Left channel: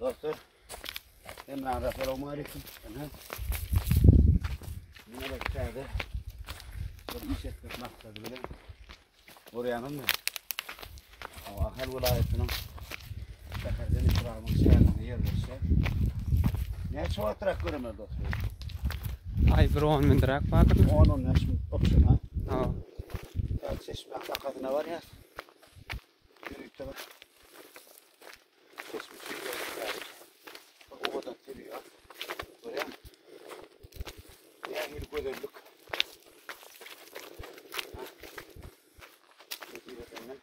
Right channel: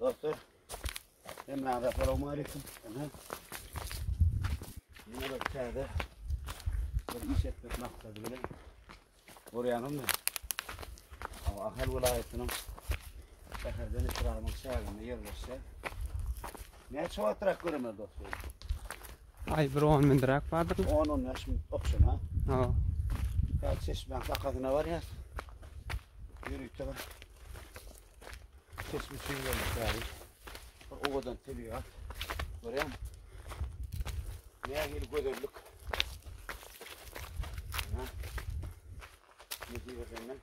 Dostlar, hemen Assalamu aleyküm. Bunlar içeride bir iş etmek maksadı bile. Oryanın mı? Ahal vilayetinin Seherden İkram'ın şehrine yerleşse. Ne çoğaltarak görmez dostlar? Ay bir 10 bin dirak vardır mı? 10 yaşım okşun ha. Ha. Ya çeşme akakatına var ya. Yürüyükte var. Çeşme çiğnelik tarih. Ovadan teliyor. Görüyor musun? Ne yıl göderlik. Ne diyor benden?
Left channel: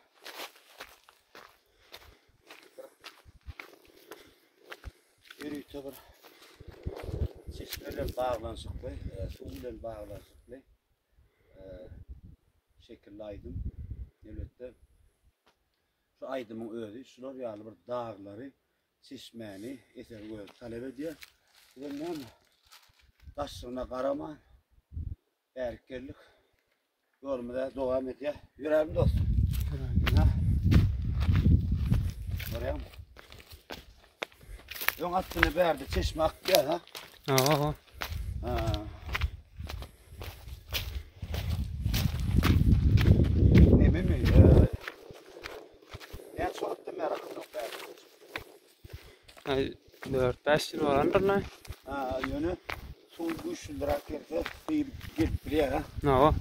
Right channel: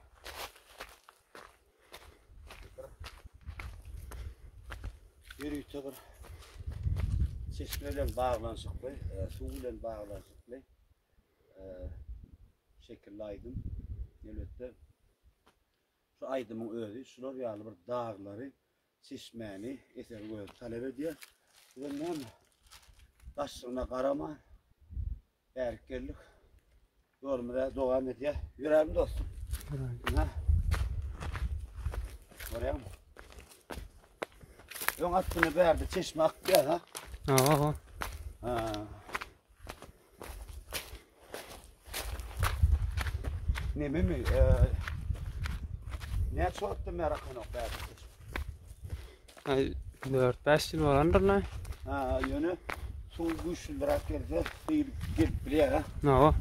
Yürüyükte var. Çeşmeyle bağlansıklı, suyla bağlansıklı. Şekilli aydım. Elbette şu aydımın özü, şular yağlı bir dağları, çeşmeni, eser koyup talep ediyor. Bu da ne mi? Taşsına karama, erkeklik, yolumda devam ediyor. Yüreğim dostum. Ha? Oraya mı? Yon attığını verdi, çeşme akıyor ha? Ha. Ha. Ne mi? Ne çoğalttı meraklı nokta? Ay 4-5 yıl olandır lan. Ha, yönü son 3 lira geldi, gelip buraya ha. Ha.